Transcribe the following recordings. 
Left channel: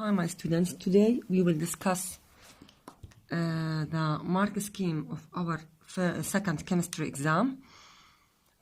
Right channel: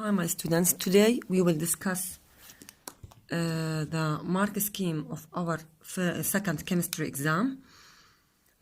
Hi, my students. Today we will discuss the mark scheme of our second chemistry exam.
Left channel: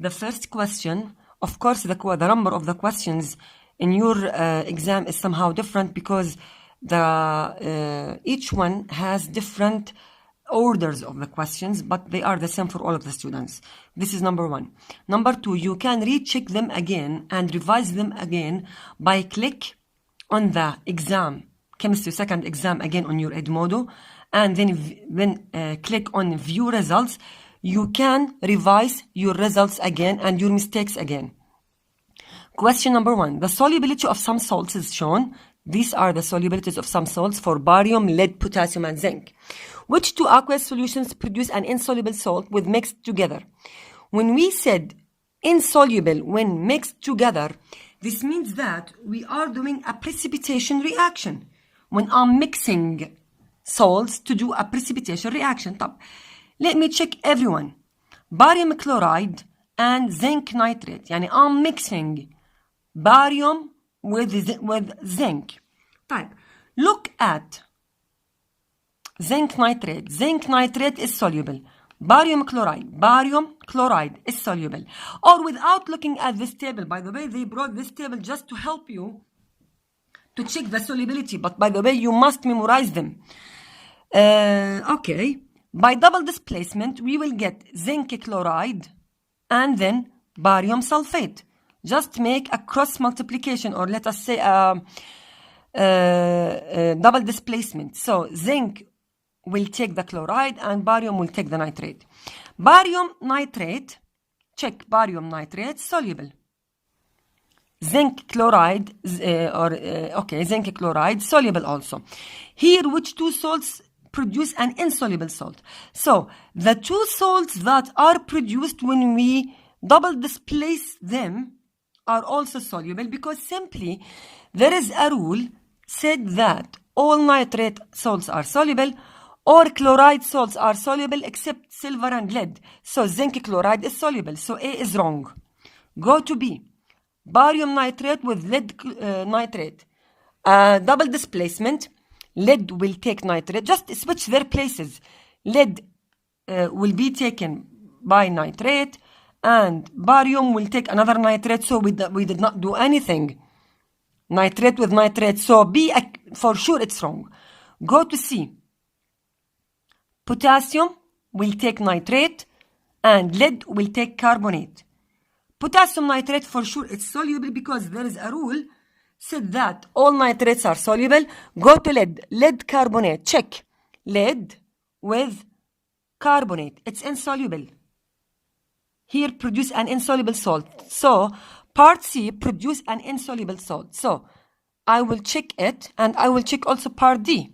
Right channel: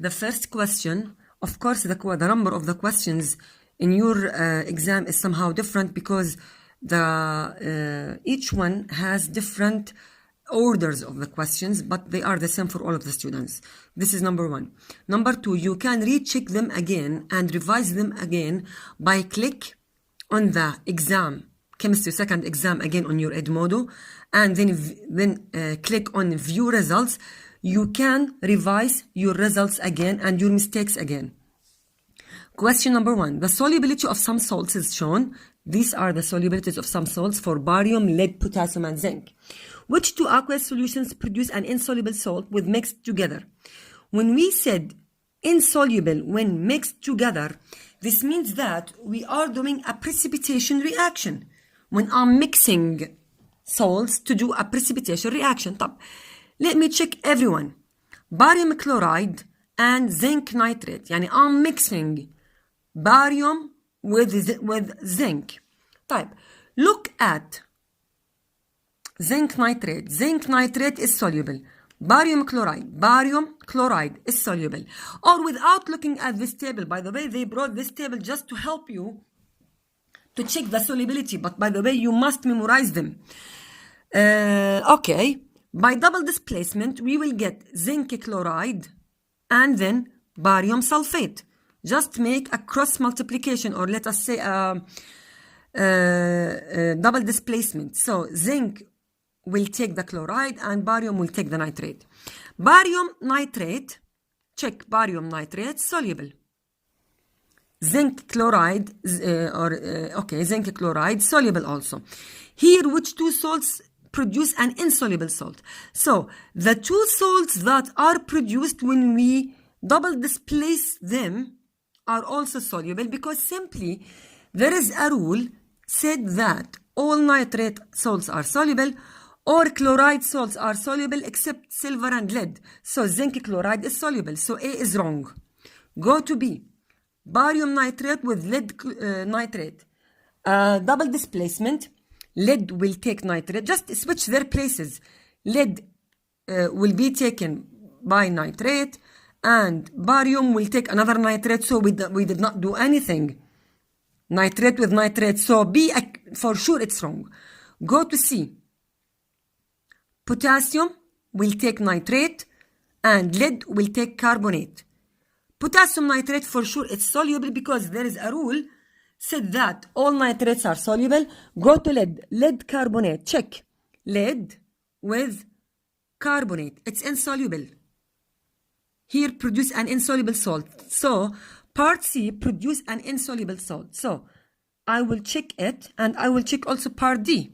The first question, of course, the number of the questions in your exam is somehow different because each one has different orders of the questions, but they are the same for all of the students. This is number one. Number two, you can recheck them again and revise them again by click on the exam, chemistry second exam again on your Edmodo, and then click on view results. You can revise your results again and your mistakes again. Question number one, the solubility of some salts is shown. These are the solubilities of some salts for barium, lead, potassium, and zinc. Which two aqueous solutions produce an insoluble salt when mixed together? When we said insoluble when mixed together, this means that we are doing a precipitation reaction. When I'm mixing salts to do a precipitation reaction. Let me check everyone. Barium chloride and zinc nitrate. Yani I'm mixing barium with zinc. Look at zinc nitrate. Zinc nitrate is soluble. Barium chloride is soluble. Or without looking at this table. By the way, they brought this table just to help you to check the solubility. But by the way, you must memorize them. Okay. By double displacement, we will get zinc chloride and then barium sulfate. Just make a cross multiplication, or let us say double displacement. So zinc will take the chloride and barium will take the nitrate. Barium nitrate, check barium nitrate, soluble. Zinc chloride, zinc chloride, soluble also. Here, which two salts produce an insoluble salt? So, the two salts that are produced when we double displace them are also soluble, because simply there is a rule said that all nitrate salts are soluble, or chloride salts are soluble except silver and lead. So zinc chloride is soluble. So A is wrong. Go to B. Barium nitrate with lead nitrate. Double displacement. Lead will take nitrate. Just switch their places. Lead will be taken by nitrate, and barium will take another nitrate. So we did not do anything. Nitrate with nitrate. So B, for sure it's wrong. Go to C. Potassium will take nitrate and lead will take carbonate. Potassium nitrate, for sure it's soluble, because there is a rule said that all nitrates are soluble. Go to lead. Lead carbonate. Check. Lead with carbonate. It's insoluble. Here produce an insoluble salt. So part C produce an insoluble salt. So I will check it, and I will check also part D.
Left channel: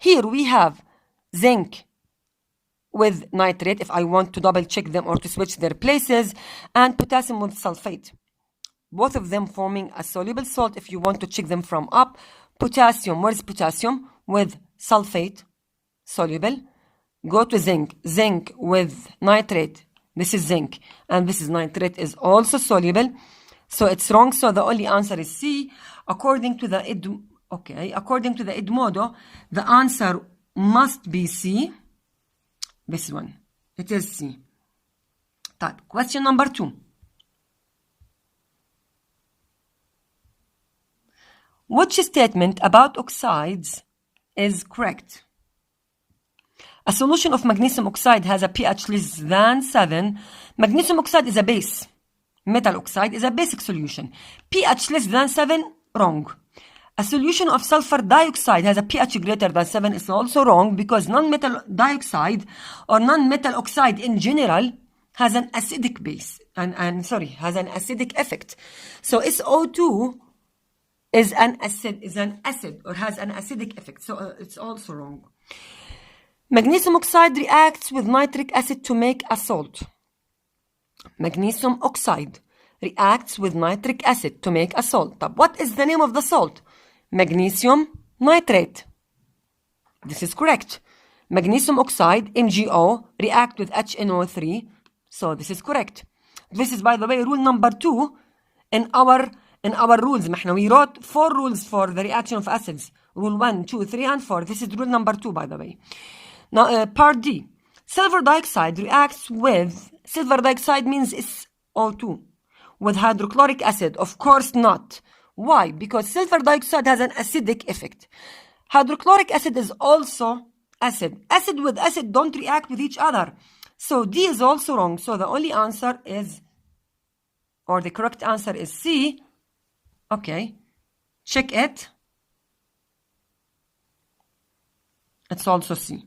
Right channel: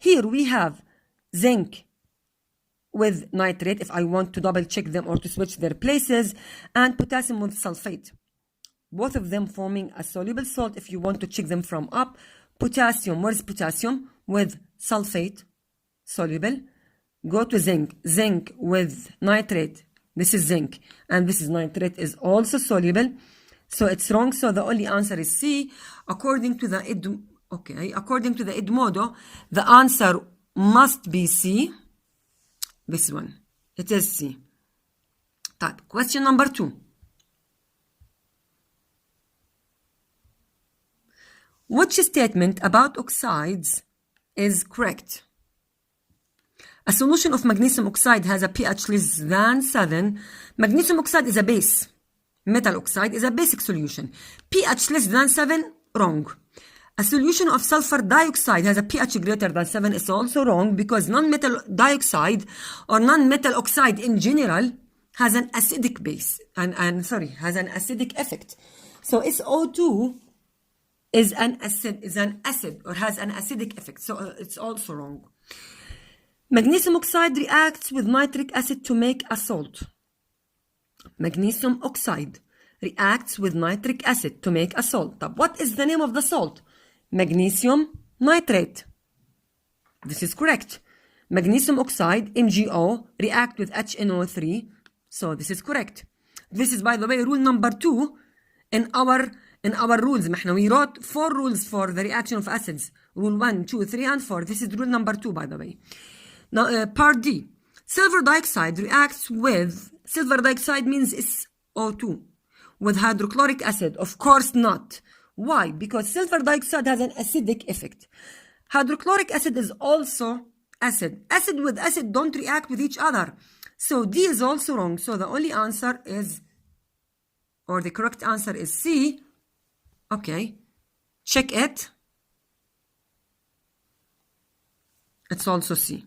Here we have zinc with nitrate, if I want to double check them or to switch their places, and potassium with sulfate. Both of them forming a soluble salt if you want to check them from up. Potassium, where's potassium? With sulfate, soluble. Go to zinc. Zinc with nitrate. This is zinc, and this is nitrate, is also soluble. So it's wrong. So the only answer is C. According to the Edmodo, the answer must be C. This one. It is C. Question number 2. Which statement about oxides is correct? A solution of magnesium oxide has a pH less than 7. Magnesium oxide is a base. Metal oxide is a basic solution. pH less than 7, wrong. A solution of sulfur dioxide has a pH greater than 7 is also wrong, because non-metal dioxide or non-metal oxide in general has an acidic base has an acidic effect. So SO2 is an acid or has an acidic effect. So it's also wrong. Magnesium oxide reacts with nitric acid to make a salt. Magnesium oxide reacts with nitric acid to make a salt. What is the name of the salt? Magnesium nitrate. This is correct. Magnesium oxide, MgO, react with HNO3. So this is correct. This is, by the way, rule number 2 in our in our rules. We wrote 4 rules for the reaction of acids. Rule 1, 2, 3, and 4. This is rule number 2, by the way. Now, part D. Silver dioxide reacts with, silver dioxide means SO2, with hydrochloric acid. Of course not. Why? Because silver dioxide has an acidic effect. Hydrochloric acid is also acid. Acid with acid don't react with each other. So D is also wrong. So the only answer is, or the correct answer is C. Okay. Check it. It's also C.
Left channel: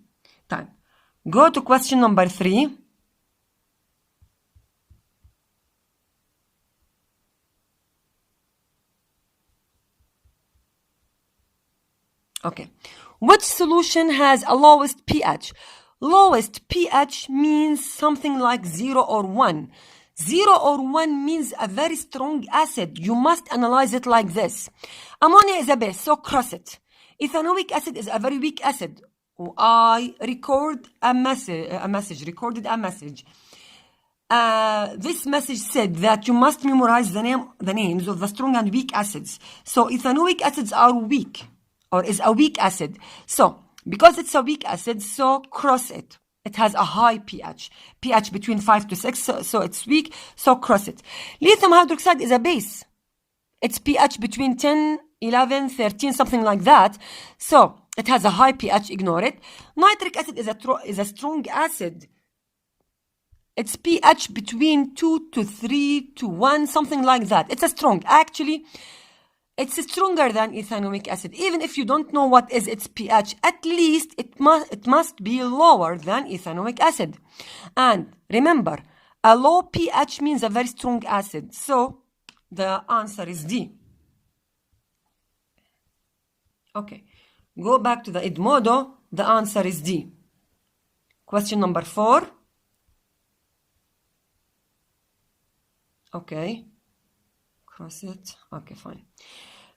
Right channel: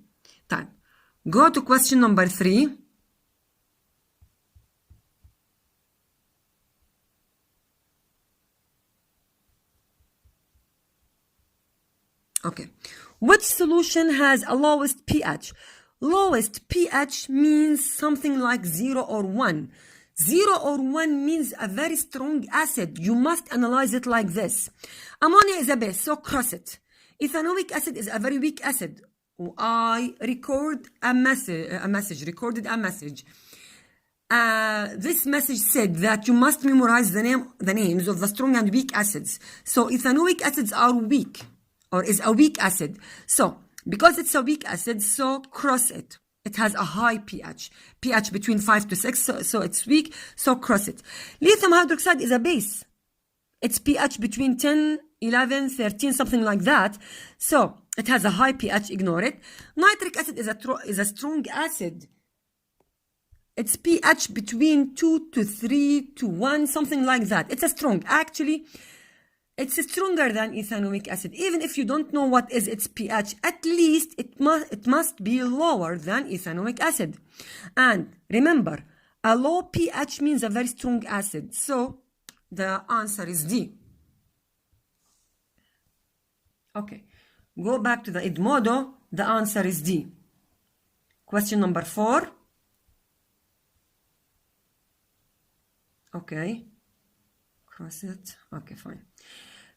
Time. Go to question number 3. Okay. Which solution has a lowest pH? Lowest pH means something like 0 or 1. 0 or 1 means a very strong acid. You must analyze it like this. Ammonia is a base, so cross it. Ethanoic acid is a very weak acid. I recorded a message. This message said that you must memorize the names of the strong and weak acids. So ethanoic acids are weak, or is a weak acid. So because it's a weak acid, so cross it. It has a high pH. pH between 5 to 6, so it's weak, so cross it. Lithium hydroxide is a base. Its pH between 10, 11, 13, something like that. So it has a high pH, ignore it. Nitric acid is a strong acid. Its pH between 2 to 3 to 1, something like that. It's a strong. Actually, it's stronger than ethanoic acid. Even if you don't know what is its pH, at least it must be lower than ethanoic acid. And remember, a low pH means a very strong acid. So the answer is D. Okay. Go back to the Edmodo. The answer is D. Question number 4. Okay. Cross it. Okay, fine.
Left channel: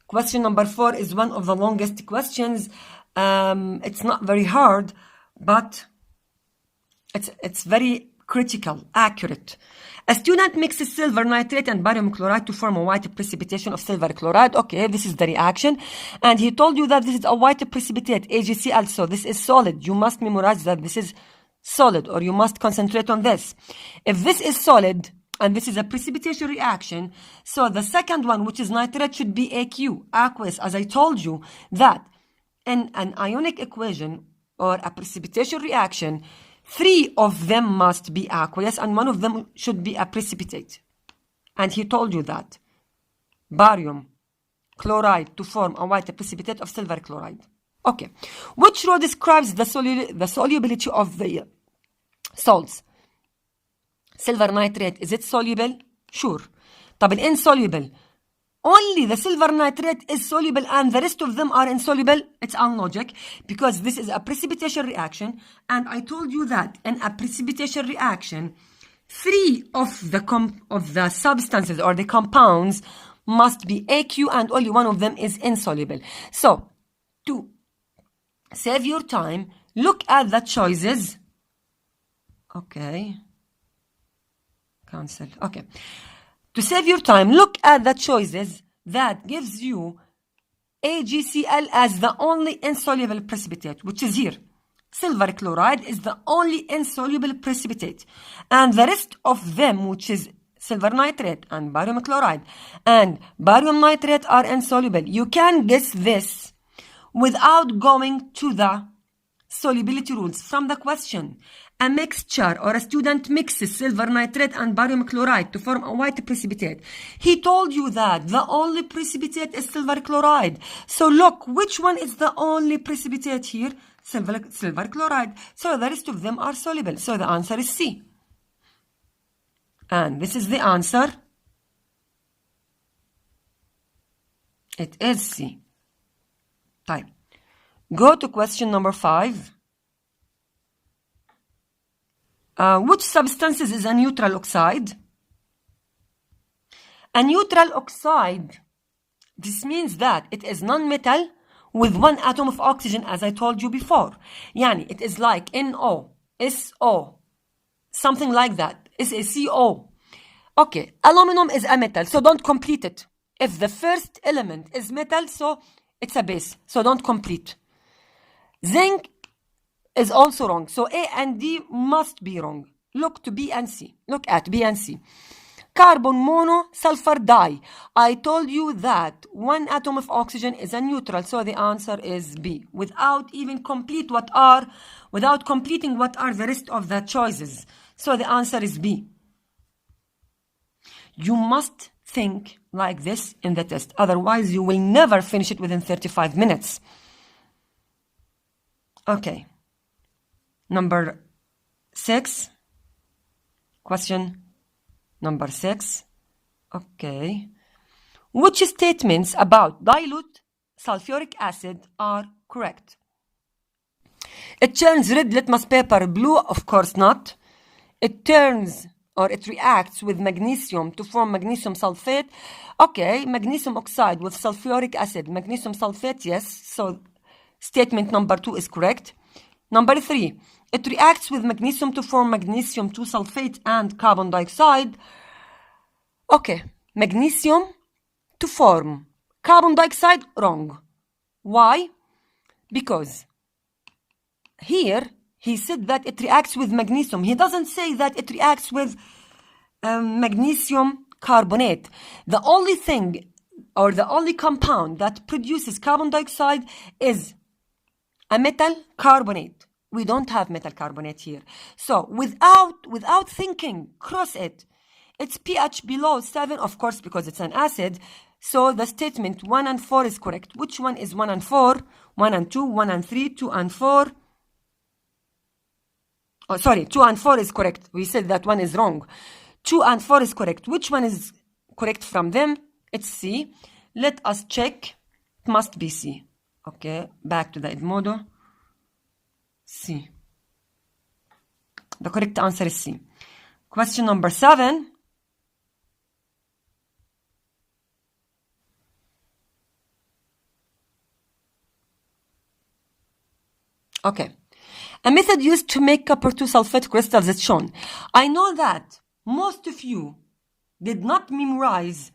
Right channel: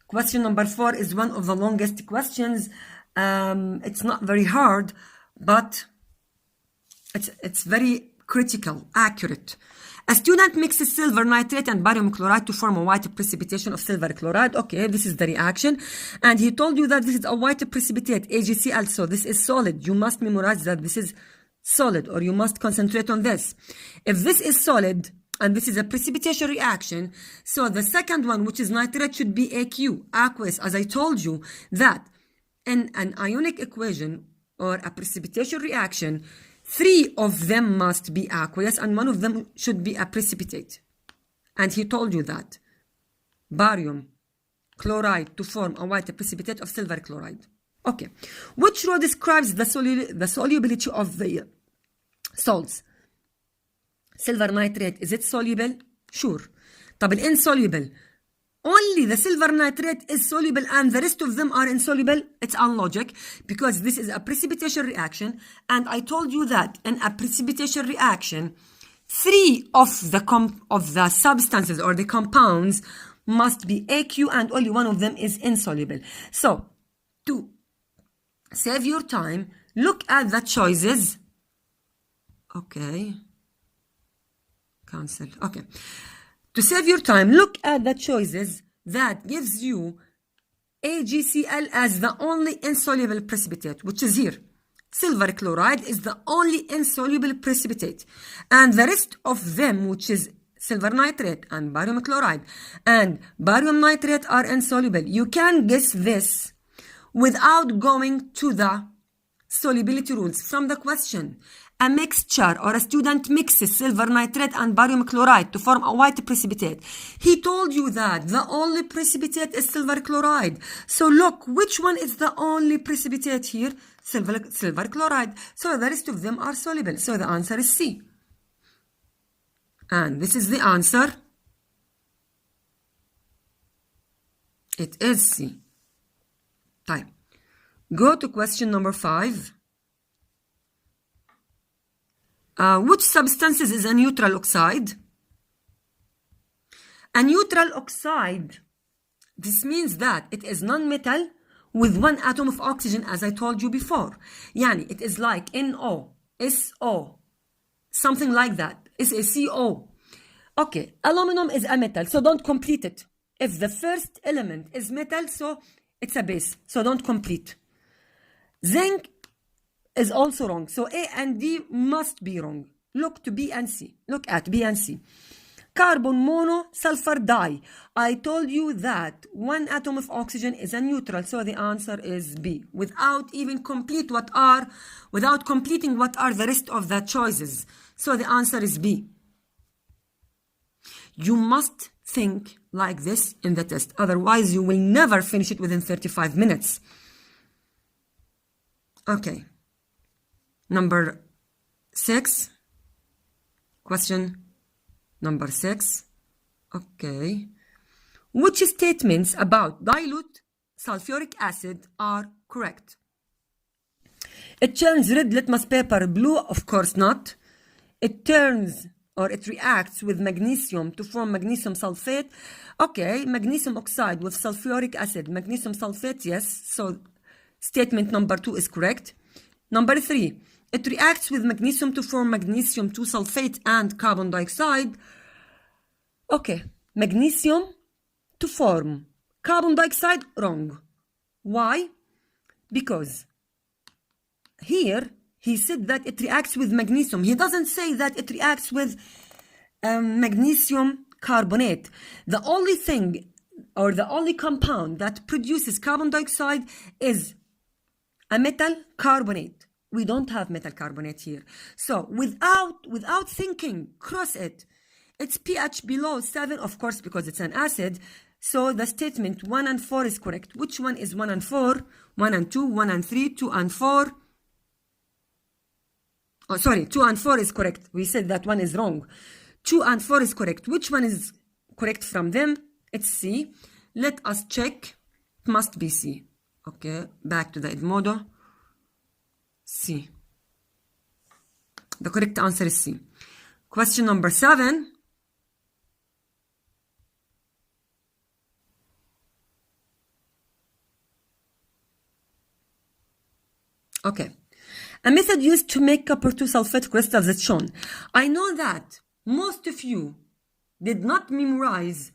Question number 4 is one of the longest questions. It's not very hard, but it's very critical, accurate. A student mixes silver nitrate and barium chloride to form a white precipitation of silver chloride. Okay, this is the reaction. And he told you that this is a white precipitate, AgCl. So this is solid. You must memorize that this is solid, or you must concentrate on this. If this is solid, and this is a precipitation reaction, so the second one, which is nitrate, should be AQ, aqueous, as I told you that in an ionic equation or a precipitation reaction, 3 of them must be aqueous and 1 of them should be a precipitate. And he told you that. Barium chloride to form a white precipitate of silver chloride. Okay. Which row describes the solubility of the salts? Silver nitrate, is it soluble? Sure. طب insoluble. Only the silver nitrate is soluble and the rest of them are insoluble. It's unlogic because this is a precipitation reaction. And I told you that in a precipitation reaction, 3 of the substances or the compounds must be AQ and only 1 of them is insoluble. So, to save your time, look at the choices. Okay. Cancel. Okay. To save your time, look at the choices that gives you AgCl as the and insoluble precipitate, which is here. Silver chloride is the only insoluble precipitate. And the rest of them, which is silver nitrate and barium chloride and barium nitrate, are insoluble. You can guess this without going to the solubility rules from the question. A mixture or a student mixes silver nitrate and barium chloride to form a white precipitate. He told you that the only precipitate is silver chloride. So look, which one is the only precipitate here? Silver chloride. So the rest of them are soluble. So the answer is C. And this is the answer. It is C. Type. Go to question number 5. Which substances is a neutral oxide? A neutral oxide, this means that it is non-metal with 1 atom of oxygen, as I told you before. Yani, it is like NO, SO, something like that. SaCO. Okay, aluminum is a metal, so don't complete it. if the first element is metal, so it's a base, so don't complete. Zinc is also wrong, so A and D must be wrong. Look at B and C. Carbon monosulfur dye. I told you that one atom of oxygen is a neutral, so the answer is B. Without completing what are the rest of the choices. So the answer is B. You must think like this in the test. Otherwise, you will never finish it within 35 minutes. Okay. Number 6. Question number 6. Okay. Which statements about dilute sulfuric acid are correct? It turns red litmus paper blue? Of course not. It reacts with magnesium to form magnesium sulfate. Okay, magnesium oxide with sulfuric acid, magnesium sulfate, yes. So statement number 2 is correct. Number 3, it reacts with magnesium to form magnesium 2 sulfate and carbon dioxide. Okay, magnesium to form carbon dioxide, wrong. Why? Because here he said that it reacts with magnesium. He doesn't say that it reacts with magnesium carbonate. The only thing or the only compound that produces carbon dioxide is a metal carbonate. We don't have metal carbonate here. So without thinking, cross it. Its pH below 7, of course, because it's an acid. So the statement 1 and 4 is correct. Which one is 1 and 4? 1 and 2, 1 and 3, 2 and 4. Oh, sorry, 2 and 4 is correct. We said that one is wrong. 2 and 4 is correct. Which one is correct from them? It's C. Let us check. It must be C. Okay, back to the Edmodo. C. The correct answer is C. Question number 7. Okay. A method used to make copper 2 sulfate crystals is shown. I know that most of you did not memorize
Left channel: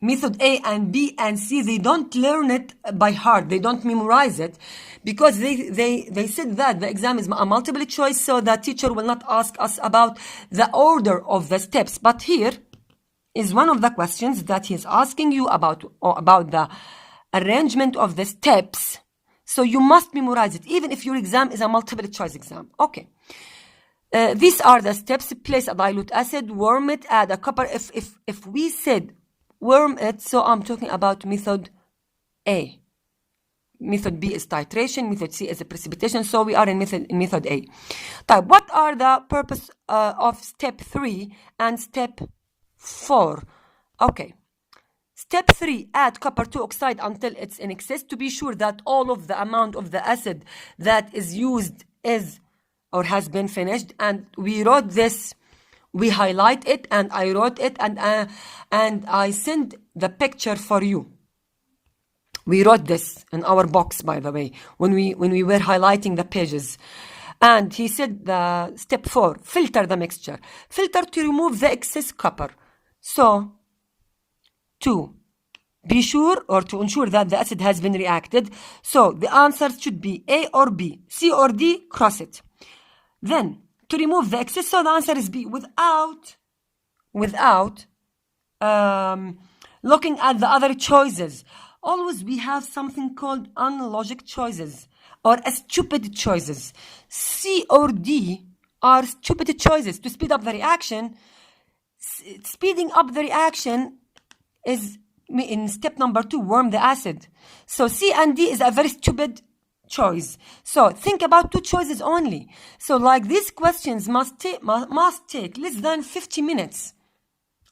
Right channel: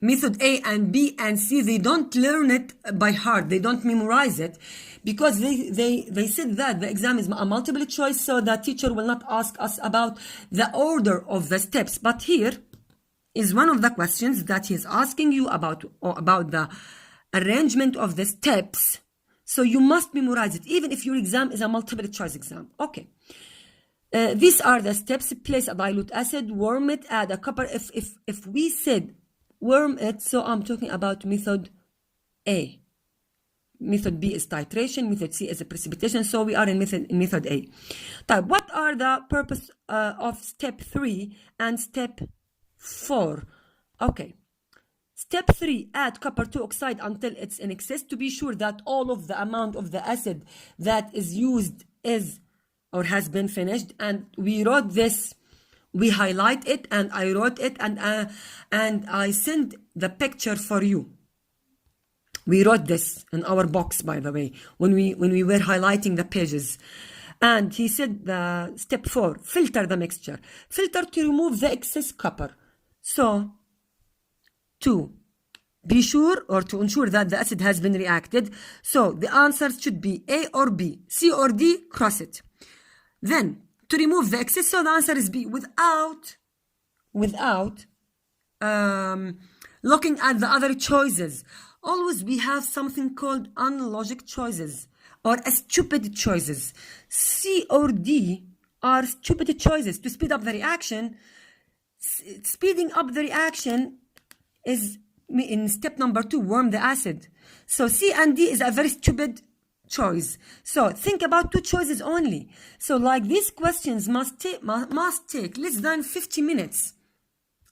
method A and B and C. They don't learn it by heart. They don't memorize it because they said that the exam is a multiple choice, so the teacher will not ask us about the order of the steps. But here is one of the questions that he's asking you about the arrangement of the steps. So you must memorize it, even if your exam is a multiple choice exam. Okay. These are the steps. Place a dilute acid, warm it, add a copper. If we said warm it, so I'm talking about method A. Method B is titration, method C is a precipitation, so we are in method A. Type, what are the purpose of step 3 and step 4? Okay. Step 3, add copper 2 oxide until it's in excess to be sure that all of the amount of the acid that is used is or has been finished. And we wrote this, we highlight it, and I wrote it, and I sent the picture for you. We wrote this in our box, by the way, when we were highlighting the pages. And he said the step 4, filter the mixture. Filter to remove the excess copper. So to be sure or to ensure that the acid has been reacted. So the answers should be A or B, C or D, cross it. Then to remove the excess, so the answer is B, without looking at the other choices. Always we have something called unlogic choices or stupid choices. C or D are stupid choices to speed up the reaction. Speeding up the reaction is in step number 2, warm the acid. So C and D is a very stupid choice. So think about 2 choices only. So like these questions must take less than 50 minutes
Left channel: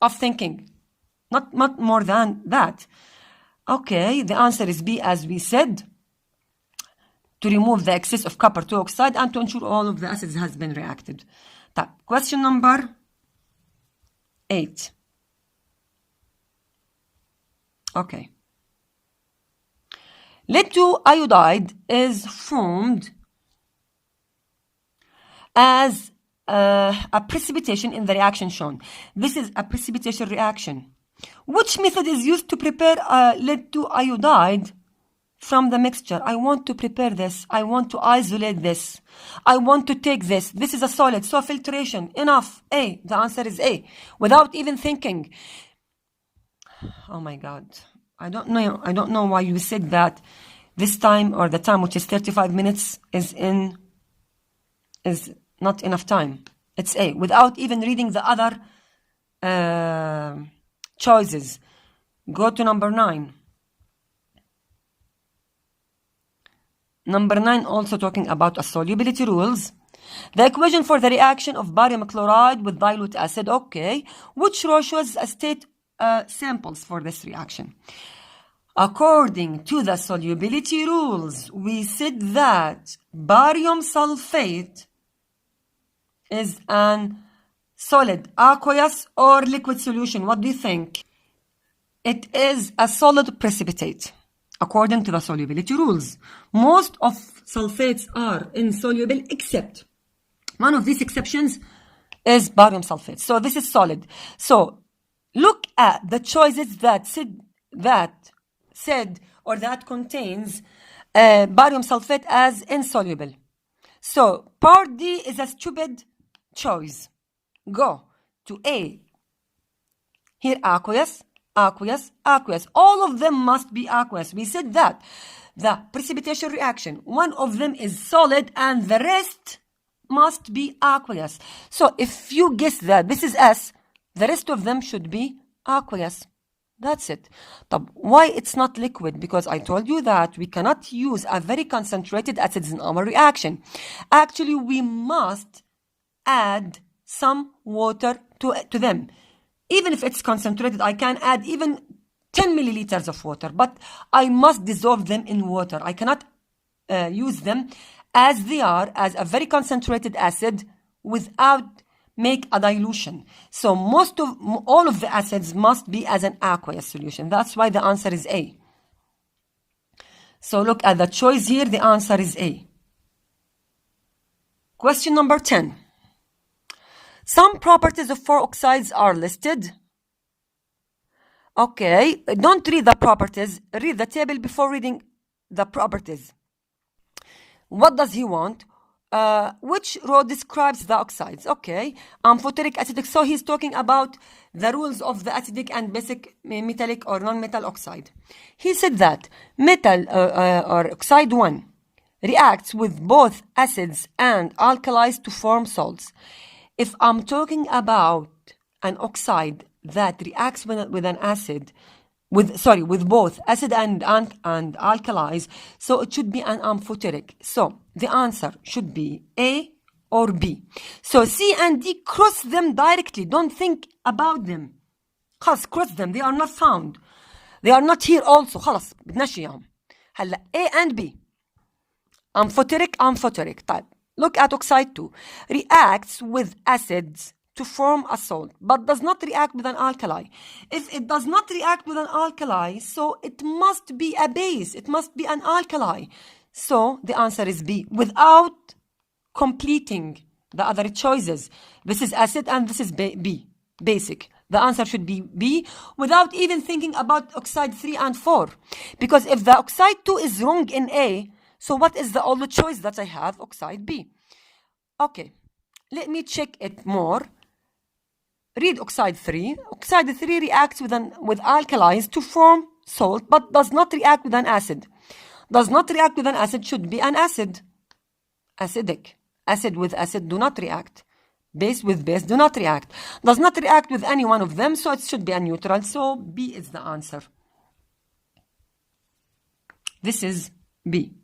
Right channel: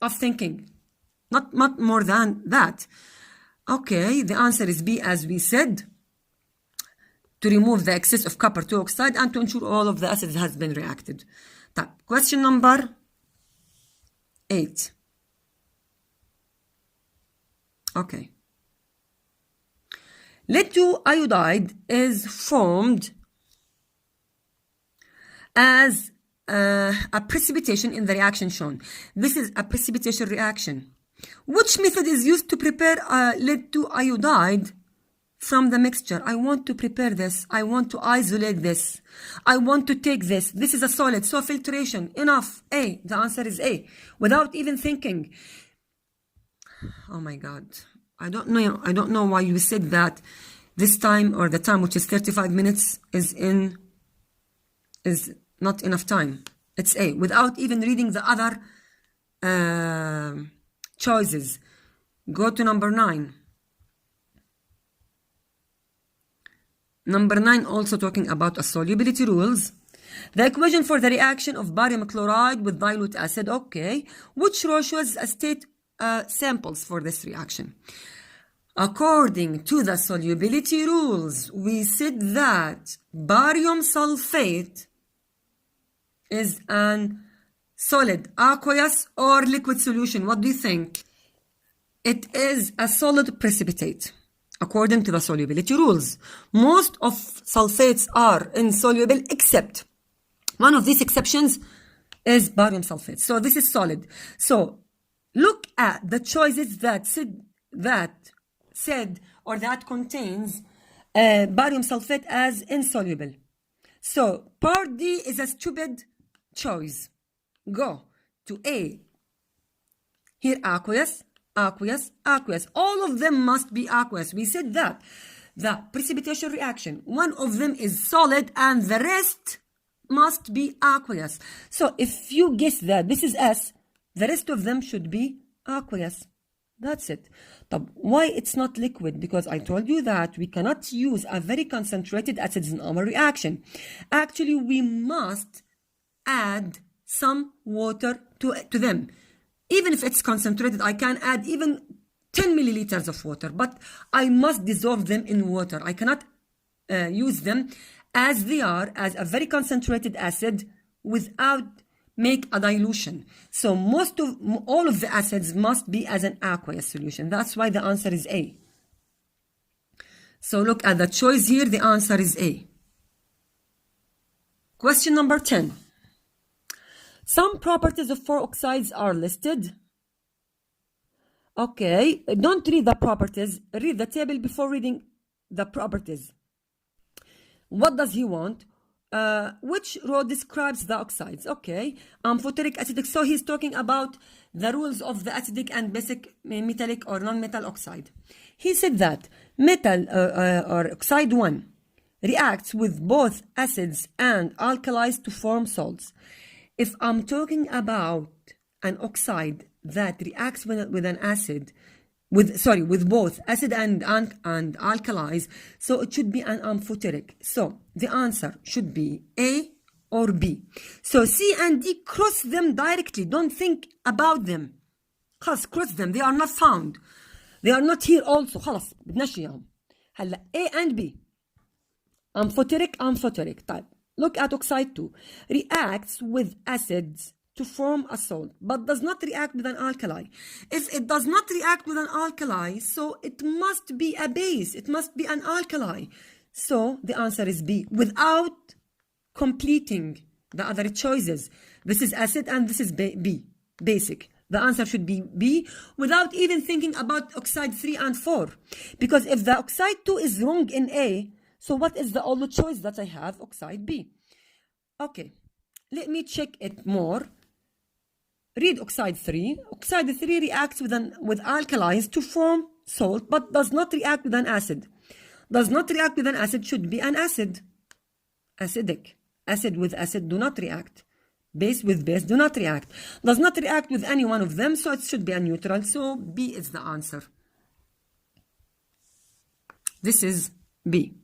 of thinking, not more than that. Okay, the answer is B, as we said, to remove the excess of copper 2 oxide and to ensure all of the acids has been reacted. Question number 8. Okay. Lead 2 iodide is formed as a precipitation in the reaction shown. This is a precipitation reaction. Which method is used to prepare lead to iodide from the mixture? I want to prepare this. I want to isolate this. I want to take this. This is a solid. So filtration. Enough. A. The answer is A. Without even thinking. Oh my God. I don't know why you said that this time, or the time which is 35 minutes is not enough time. It's A. Without even reading the other choices. Go to number 9. Number 9 also talking about solubility rules. The equation for the reaction of barium chloride with dilute acid. Okay. Which row shows state samples for this reaction? According to the solubility rules, we said that barium sulfate is an solid, aqueous, or liquid solution. What do you think? It is a solid precipitate, according to the solubility rules. Most of sulfates are insoluble, except one of these exceptions is barium sulfate. So this is solid. So look at the choices that said or that contains barium sulfate as insoluble. So part D is a stupid choice. Go to A. Here, aqueous, aqueous, aqueous. All of them must be aqueous. We said that the precipitation reaction, one of them is solid and the rest must be aqueous. So if you guess that this is S, the rest of them should be aqueous. That's it. Why it's not liquid? Because I told you that we cannot use a very concentrated acids in our reaction. Actually, we must add some water to them. Even if it's concentrated, I can add even 10 milliliters of water, but I must dissolve them in water. I cannot use them as they are, as a very concentrated acid, without make a dilution. So all of the acids must be as an aqueous solution. That's why the answer is A. So look at the choice here. The answer is A. Question number 10. Some properties of 4 oxides are listed. Okay, don't read the properties. Read the table before reading the properties. What does he want? Which row describes the oxides? Okay, amphoteric, acidic. So he's talking about the rules of the acidic and basic metallic or non-metal oxide. He said that metal or oxide 1 reacts with both acids and alkalis to form salts. If I'm talking about an oxide that reacts with an acid, with both acid and alkalis, so it should be an amphoteric. So the answer should be A or B. So C and D, cross them directly. Don't think about them. Cross them. They are not found. They are not here also. خلاص بدناش إياهم. هلا A and B. Amphoteric. طيب. Look at oxide 2. Reacts with acids to form a salt, but does not react with an alkali. If it does not react with an alkali, so it must be a base. It must be an alkali. So the answer is B, without completing the other choices. This is acid and this is B, basic. The answer should be B, without even thinking about oxide 3 and 4. Because if the oxide 2 is wrong in A, so what is the only choice that I have? Oxide B. Okay, let me check it more. Read oxide 3. Oxide 3 reacts with alkalis to form salt, but does not react with an acid. Does not react with an acid should be an acid. Acidic. Acid with acid do not react. Base with base do not react. Does not react with any one of them, so it should be a neutral. So B is the answer. This is B.